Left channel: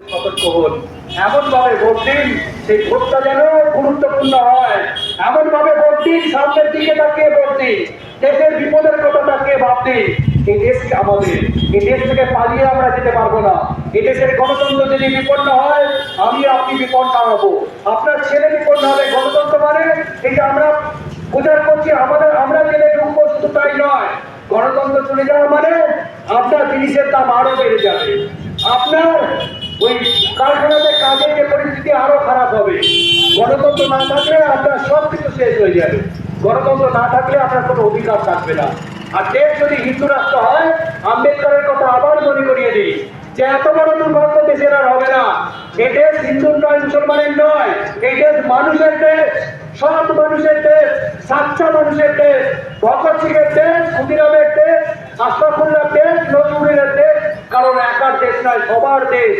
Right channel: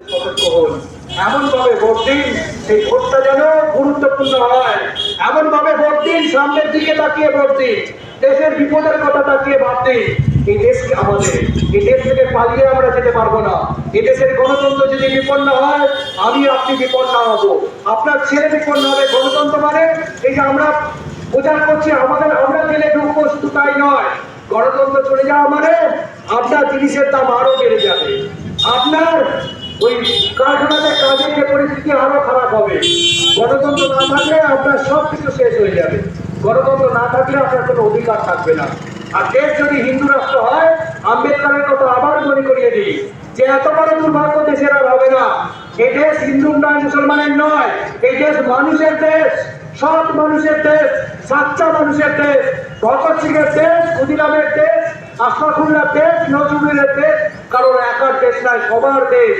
সতর্ক হন। এমন ভাবে ভোট দিন, সেই ভোটটা যেন গুরুত্বপূর্ণ হয়। এমন ভাবে ভোট দিন, সামনের দিকে তাকিয়ে ভোট দিন। দেশের বিপদের কথা তাকিয়ে ভাবতে এই দেশকে আমাদের? এই দেশ থেকে পালিয়ে আমরা যেতে পারব না। এই দেশের গণতন্ত্র যদি বিপন্ন হয়, আমি আপনি বিপন্ন হব। আপনার ছেলে বিপন্ন হবে গণতন্ত্র মানে? এই যে আমরা প্রচার করছি, আমাদের আমরা তাই নয়। গণতন্ত্র চলে যাওয়া মানে? আপনার জিনিসের দাম আরও ওই কারখানাতে কাজের যে পরিস্থিতি আরও খারাপ হবে। গণতন্ত্র না থাকলে আপনার সব কিছু শেষ হয়ে যাবে। গণতন্ত্র না থাকলে আপনার কোনো অধিকার থাকবে না। আর দেশ যদি হিন্দু রাষ্ট্র হয়, আম্বেদকরের কথা আবার মনে করিয়ে দিই যে এত বড় দুর্ভাগ্য দেশের আর হবে না। এই দেশ হিন্দুর নয় মুসলমানের নয়। এই দেশ মানুষের দেশ, সৎ মানুষের দেশ, সাচ্চা মানুষের দেশ। ভগৎ সিং দেশ, ক্ষুদিরামের আশরাফুল্লাহ দেশ নজরুলের দেশ কারণ একার দেশ নয় সবার দেশ।